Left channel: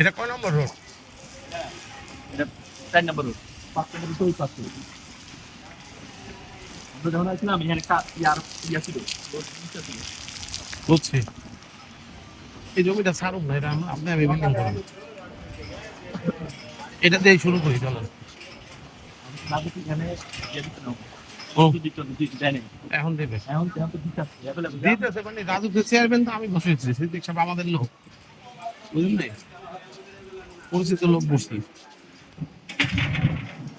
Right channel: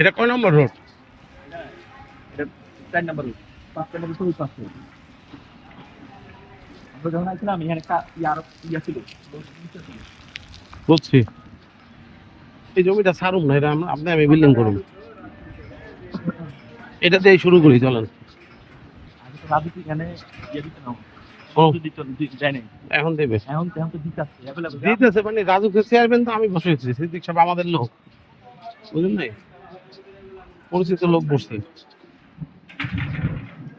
এটা কয় নম্বর রোড? এটা 4 নম্বর রোড, 5 নম্বর রোড ওই পাশে। আমরা যখন আসলাম এখানে ইয়া ছিল, বুঝছি। এই জমিটা ছাড়ুন না, এটা আপনি আমি বিল্ডিং করুন, এটা দিয়ে শুরু করি চলেন। রাজু কি এখানে ইয়ে দিতে না ও দেয় নাই এখন দেবে, এখন তো দিতে আসছে অ্যাভেলেবল দিতেছে মানে রাজুকে চেয়ারম্যান তো আমি বসেছি, সিদ্দিক সাহেব আমাদের লোক, বুঝলেন, পরিচিত লোক বসছি,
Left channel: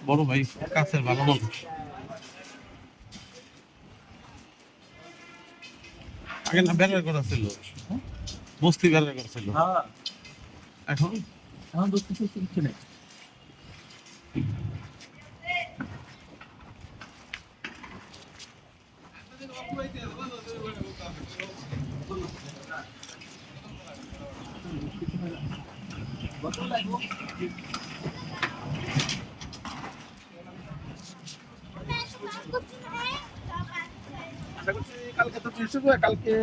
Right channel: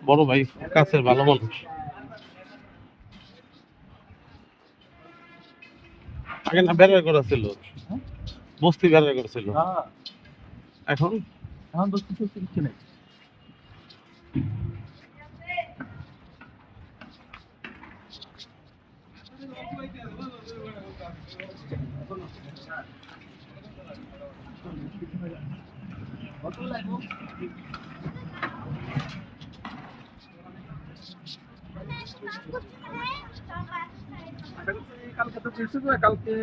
বড় ভাই কাছের ভালো মানুষ। এখানে বেড়ার করা ছিল, বস্তি বেড়ার করা ছিল, হ্যাঁ এখন এখন তো কিছু নেই। কালকে তো কালকে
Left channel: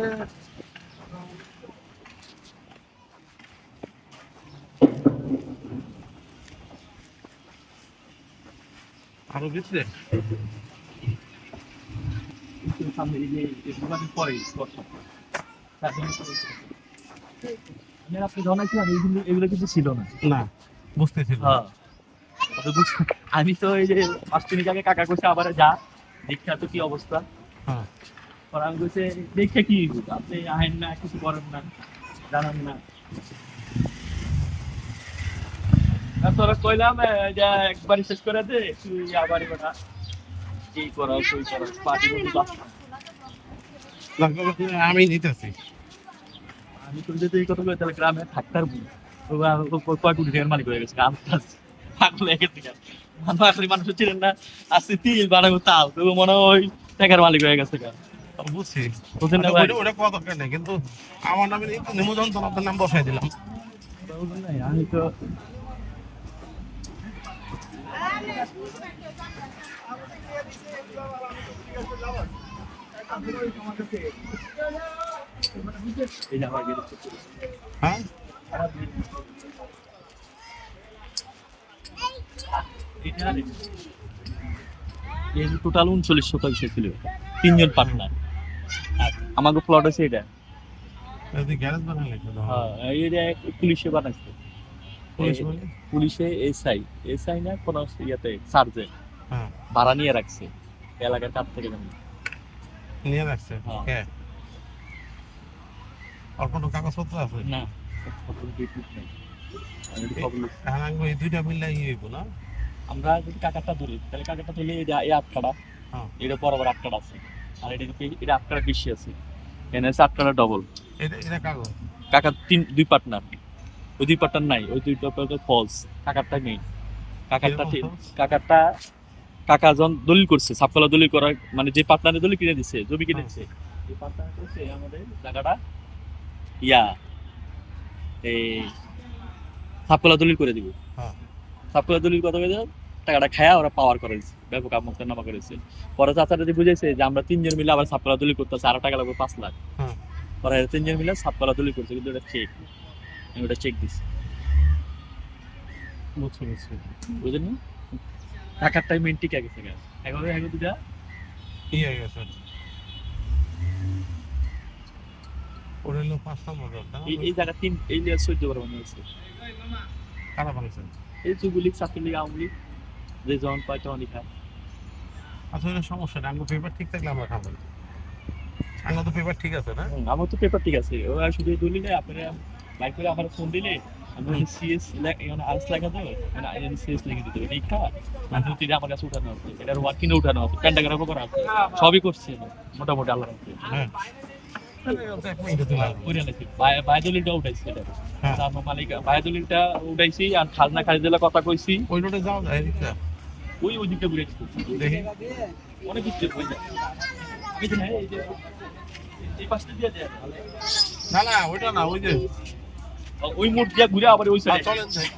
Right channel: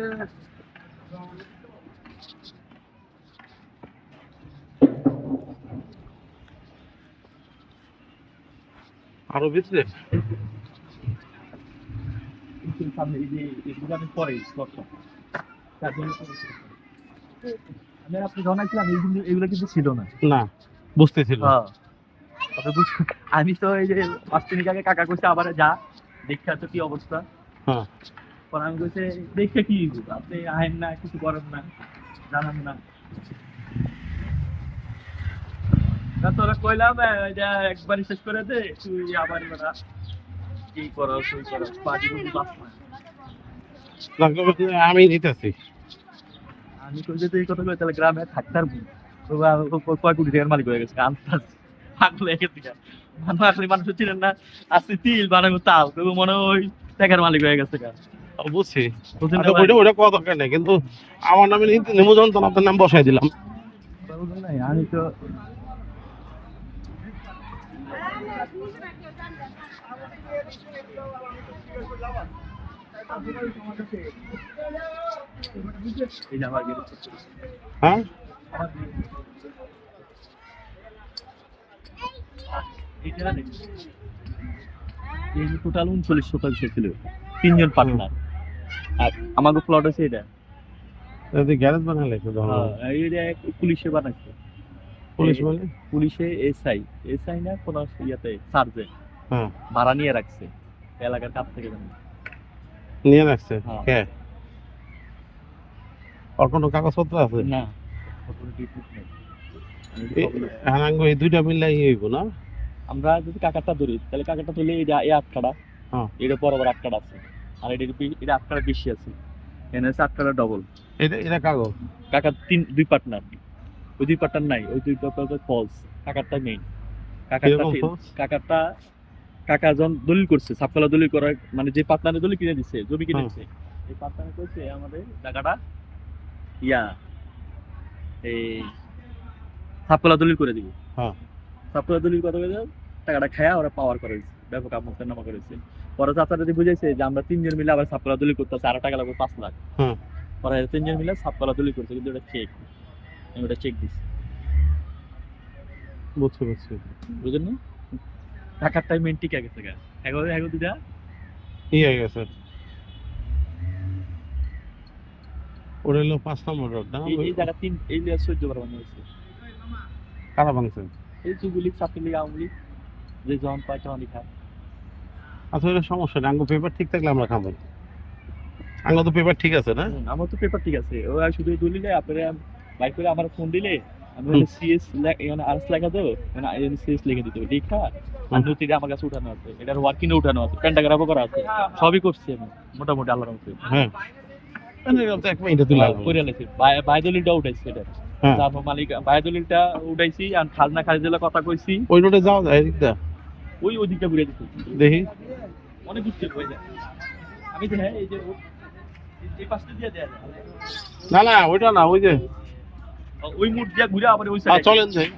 আরো ভিতরে সামনে এই যে দোকানের পরে আমি আপনি জানাইছিলাম এগুলো কিন্তু ছিল না। না বুঝতেছিল, হ্যাঁ আমি তো এই যে 5 মিনিট আগে কাকা কইছে আবার যা দেখা তো কি অবস্থা। হ্যাঁ পরে আমি কইছে দেখে কি আপনি আহেন না, কিছু করেন না, জানান না। তোরা কইলাম এটা একবারই শেষ করে দে, তুই আবার এবার এই করাও তুই করাও পার্টি করবি বাস না। আমি দিতেছি, আমি কই যে তুই কথা কই তাহলে গ্রামে থাকতার কয় কোটি টাকার মালিক হয়ে গেছে আন্দাজ পাগল হয়ে গেছে। মানুষ আসলে মানুষ ছিলেন না, আসছে তিল বানাবো তাও তো মনে হয় ওই টাকার মালিক হয়ে গেছে। বুঝছি, বুঝছেন না ভাই? ওটা কত দরকার নেই, কিন্তু আমার নামে নিমন্ত্রণ তো আপনার নাম বসাই দিলাম। আমি তো এই যে আমার হ্যাঁ টোটাল 39% ছিল, 3 জন পার্টনার। আর আমাকে প্লট আছে এটা, গ্যারেজ বানালে হ্যাঁ এটা পুলিশে বানাইছে। পুলিশ বলে পুলিশে এসআই না কোন ইয়াতে সার্জেন্ট হ্যাঁ ভাড়া নিয়ে রাখছে এলাকার কাছ থেকে জানি নিয়ে রাখছে। হ্যাঁ। কে আর কোনো কাগজপত্র আছে না হ্যাঁ এই দুইটা মিললে হইব না। আমরা যদি কাকারটা ধরি তাহলে কাকারটা ধরলে এই আটকাটা, হ্যাঁ এটা বরাবর আটকাটা আছে, আর এটা আটকাটা বেশি আছে, এনে আছে আটকাটা ডবল। এটা কাগজ কাকার দুই পার্টনার, ওই দুই পার্টনার নাই, ওই দুই পার্টনার ফলস, কাকারটা নেই। কাকারটা কাকা যখন দলিল করছে, সাপকলা দলিল করার মানে যে পার্টনারে দলিল কিনে দিচ্ছে, জমি কিনে দিচ্ছে, এই পার্টনার করছে আমাদের জায়গাটা ইয়া এই সাপকলা দলিল করে দিব। হ্যাঁ সাপকলা দলিল কত হয়ে যায়, টাকাটা খায়া ওরা পাওয়ার করেছে, ব্যাপক আমন্ত্রণ নামা করেছে। পরে চাচা যদি বুঝেছে যে আমরা 3 জন মিলে আবার সাপকলা দলিল করতেছে, আরো টাকা লাগবে 5 লাখ। পরে 3 জন মিলে সাপকলা দলিল করছে, কিন্তু ওটা ফেক, আমি ওটা চেক দিছি। বুঝছি বুঝছি, বুঝলেন না? টাকার টাইম মেন্টি কে গেছে গায় এখন দুটা কি হয়ে গেছে। ওটা হলো 5 নম্বর রোড না, এই জায়গা 3 এই 14 বার বানানো হয়েছে। কারা বাংলাদেশ এই যুবলীগ ছাত্রলীগ আওয়ামী লীগ যে জন পায় তখন খায়। আচ্ছা এটা সমস্যা না, আঙ্গো পেপার ঠিক থাকলে আমরা খাবো, আঙ্গো তো পেপার ঠিক আছে না। আমার তো পেপার ঠিক আছে, ও শুধু দলিলে আপনারা লাইক করে আমার ফোন দিলে আমি সিএস মানে আরএস লেখা দেবে, মানে সিএস লিখে দিতে হবে, লেখা নথিটা আমার কাছে উঠানো আছে, এটা ওয়ার্কিং উঠানো আছে, প্যান্টাগ্রাফও করা আছে, সবই করছি আমি মোটামুটি আল্লাহর রহমতে। হ্যাঁ বায়দলিলটা উঠাইছি, এটা মালিক বায়দলিলটা উঠাইছি, আর খাজনা খারিজের কথা কইছি। ওই রোডে যাওয়া যায়, ওই দিকটা ঘুরে দিতে দেখি অনেক দিচ্ছে হয়ে যায় আমি জানি এই যে এই পাশে দিয়ে দেয় না না ওইটা না ওই যে ওই মোড় দিয়ে ঘুরে আবার ওই সাইডে চলেন যাই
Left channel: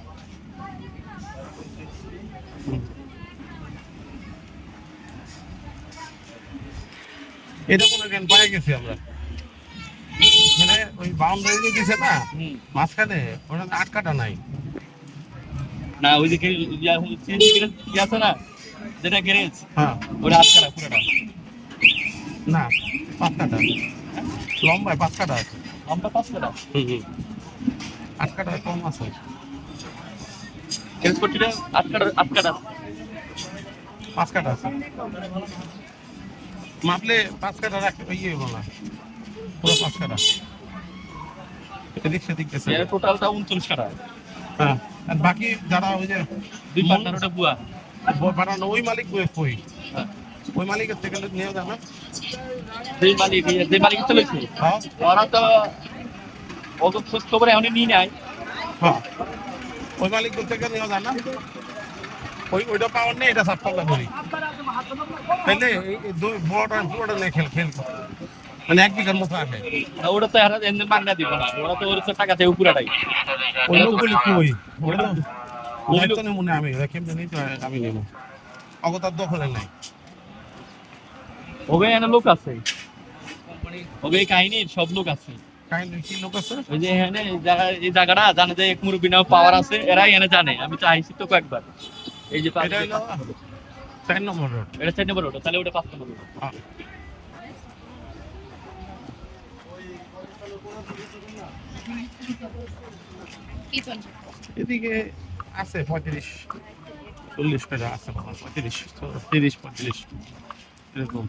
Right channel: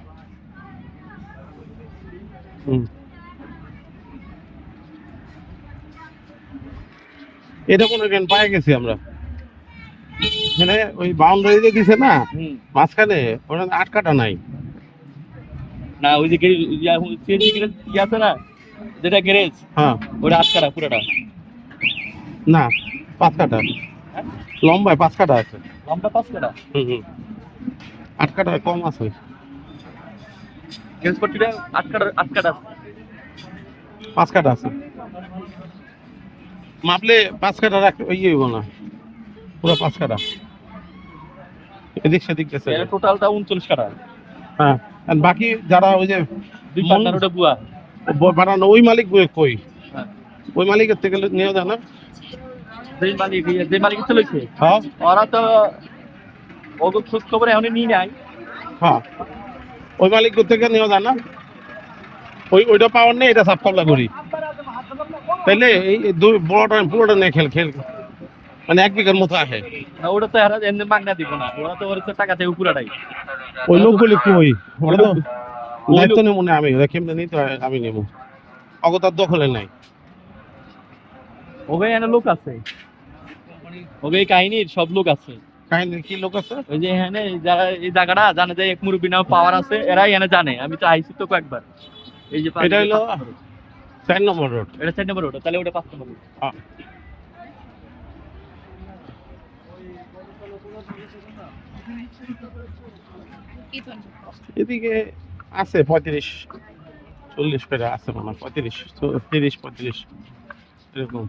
এটা কোনো জ্ঞান পাই গেছি আমরা মানে ওই বাউন্ডারি যে দিছে না মাঝখানে ওটা আটকাটা নাই না ওই যে ইয়ে আছে না যেটা গ্যারেজ হ্যাঁ ওটা আটকাটা পুরোটা না 5 কাটা লম্বায় 5 কাটা আছে লম্বা 5 কাটা হুম 8 কাটা কম আছে ট্রান্সপোর্টটা আটকাটা 5 কাটা আছে মাপলে 5 কাটা রাখ ওই হইব না পুরো 5 কাটা এদিক সেদিক গেছে এর টোটালটা 39 কাটা হ্যাঁ আর বাকি যারা ওই যে দুই পার্টনার ওটা বুয়া বানানো ওই মালিক কই হ্যাঁ ওই মালিকের থেকে নিয়ে যাও না যে মালিক চলেছে হ্যাঁ ওরা তো অত খোঁজ খবর এখনই নিয়ে নেয় হ্যাঁ ওই মালিক থেকে নিয়ে যাও না ওইটা পাওয়ার নেই এটা সাফ কাবলা করি তাইলে এই দুই বড়টা পুরোটা নেই খেল মানে 1 বিঘার মতো আসে ওটা তো এরা এমনি মাঙ্গা দিব না ওরা তো ওর টাকা থেকে পুরাটাই ওই লোকগুলি কই ওরা তো দায়িত্ব নেই মনে আমি কেমনে নিই তো আমি নেব অগতার দখলে নাই ওগে এনে লোক আছে ওগে এই কাহিনীর সব লোক আছে কাহিনী কি লোক আছে ওই যে এখানে এই জায়গাটা জানে যে এক মুরব্বী নাম পাওয়ার আছে এরাই এনে জানে আমি তো আইসি তো কয়েকবার এই যে এটা হলো 4 নম্বর রোড এটা 4 নম্বর ওটা তাহলে ওটা 5 নম্বর এদিকে আছে 35-40 করে আছে মনে হয় 30-35 এরকম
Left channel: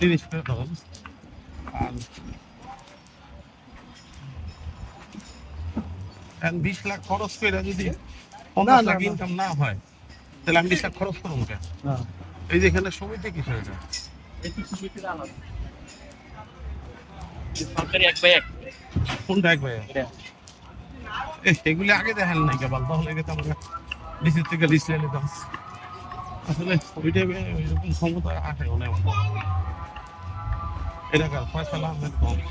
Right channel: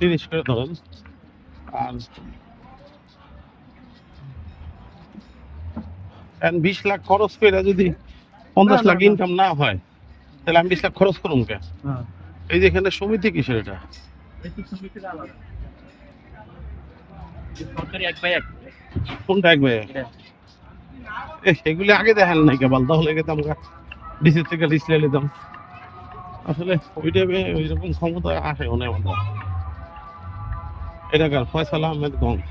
30 করে ধরেন আর 20 লাখ খরচ করে যদি 50 লাখ ইনকাম না হয় তাহলে আমি 20 লাখ খরচ করুন কেন এই যে এখানে সমিতি কিসের এটা এই তো সুবিধা আলাদা সরকারি 1/1 কোনটা একবার এটা এগুলি আগে দেখেন নাই কেবল তাহলে কিন্তু আমরা ডিসি থেকে লিস্ট নিয়ে নিতাম আসলে ওই টাইমে ওই রকম ক্ষমতা আসে অনেক এটা কার ফয়সাল আহমেদ গঞ্জ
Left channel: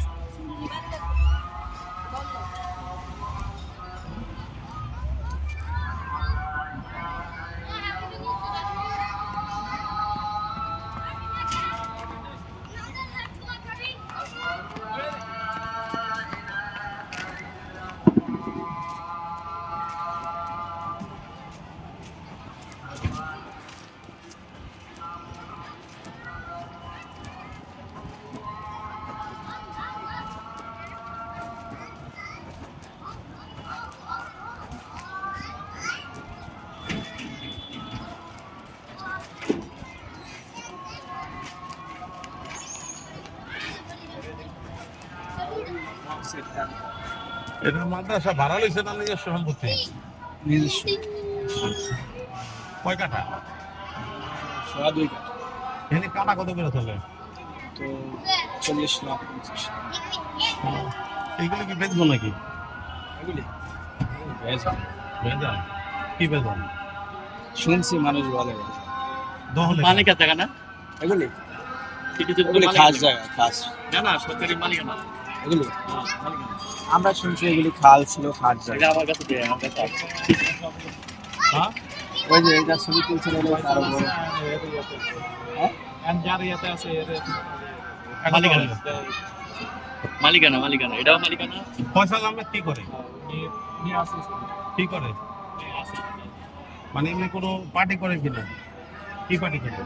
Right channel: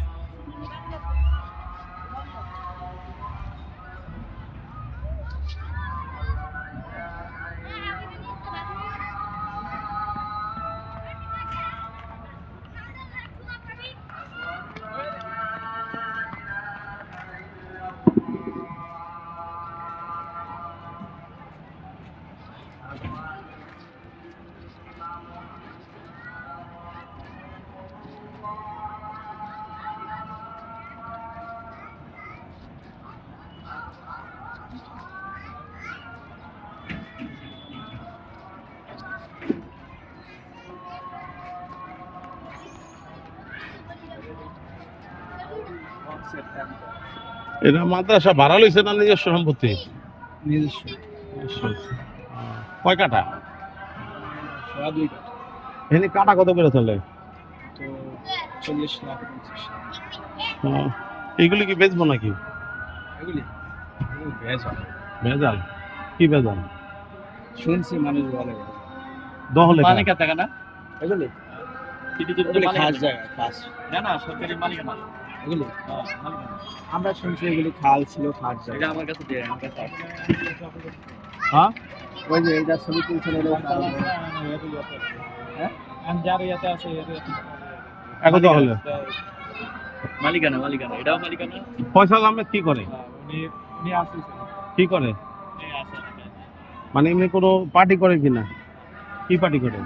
এটা মাদ্রাসা ভাড়া লইছে না নিজস্ব সম্পত্তি নিজস্ব কয় কাটা সোয়া 2 কাঠা এখানে কাটা কত করে চলে তো 40 লাখ 50 এইগুলি কি বেচবো নাকি এগুলি ভেজাল ভেজাল কি ভেজাল শুনছি মানুষ বলে ভেজাল দহলে মালিকের জায়গা না এগুলি সিটিতে এগুলি খাস জায়গা খাস না না সরকারি মালিক না এগুলি আমরা শুনছি এগুলি খাল ছিল খাস এটা জায়গা আমার কাছে দিয়ে আমার কাছে আছে হ্যাঁ ওই যে এটা ছবি তুলছিল হ্যাঁ এটা দহলে মালিকানা এটাও মালিকানা ফয়সাল আহমেদ কি করে কি করে মানে এমনি কোনো পার্টি করে কিনা কি পার্টি করে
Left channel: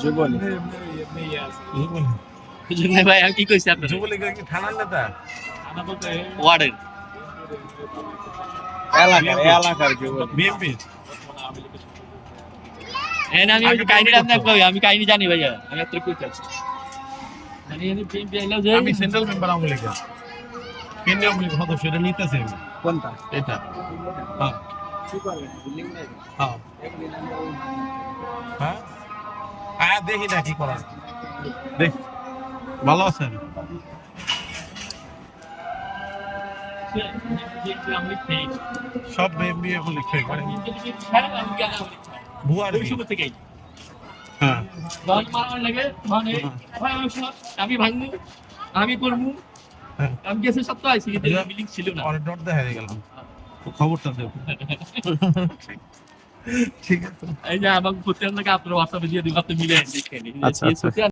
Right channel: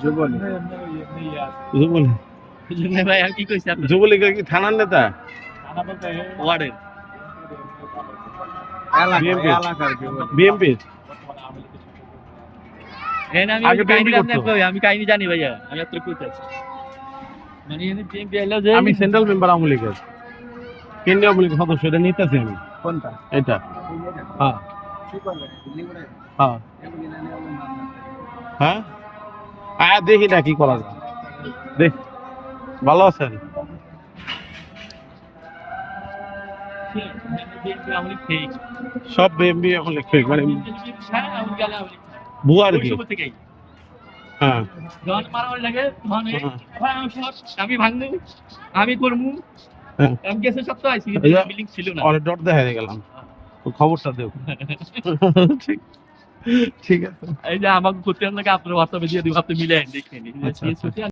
যুবলী যুবলী বুঝলেন ভাই আমি কি কইছি আপনি যুবলীগের কি থানার নেতা ওয়ার্ডের এলাকার যুবলী বিএমপি এই না আমি ওই কাহিনীটা আপনাকে কই আমি কাহিনী জানি ভাইয়া আমি আপনাকে কইতে আছি মানে এনে বিএনপি আইলো যে আমি সেন্ট্রাল মেম্বার আওয়ামী লীগের কেন্দ্রীয় আওয়ামী লীগের সদস্য এটা নিতেছি আমি কোনটা এটা হ্যাঁ কি করবেন বিল্ডিং উড়াই হ্যাঁ এগুলি না নিয়ে ওই মান হ্যাঁ দেখি না কি করা যায় দেখ ভালো আছেন আমি ঠিক সব বিএমবি এখন লিখে মানে হ্যাঁ আমি গেলে আমি ভুয়া আর ওই কি সময় থেকেই হ্যাঁ যখন মারামারি লাগে মানে ভাই আমি ভাঙবো আমি করবো হ্যাঁ। আমি গেছে সপ্তাহ আইসি এই যে বিল্ডিং ছিল না অনেক ডট দেখা গেলাম তো খবরটা দেও ঠিক ঠিক আছে এই যে আমাকে করতে আপনার হোয়াটসঅ্যাপে দিয়ে দিব আপনি মিলে দেখে নিন আচ্ছা, আচ্ছা।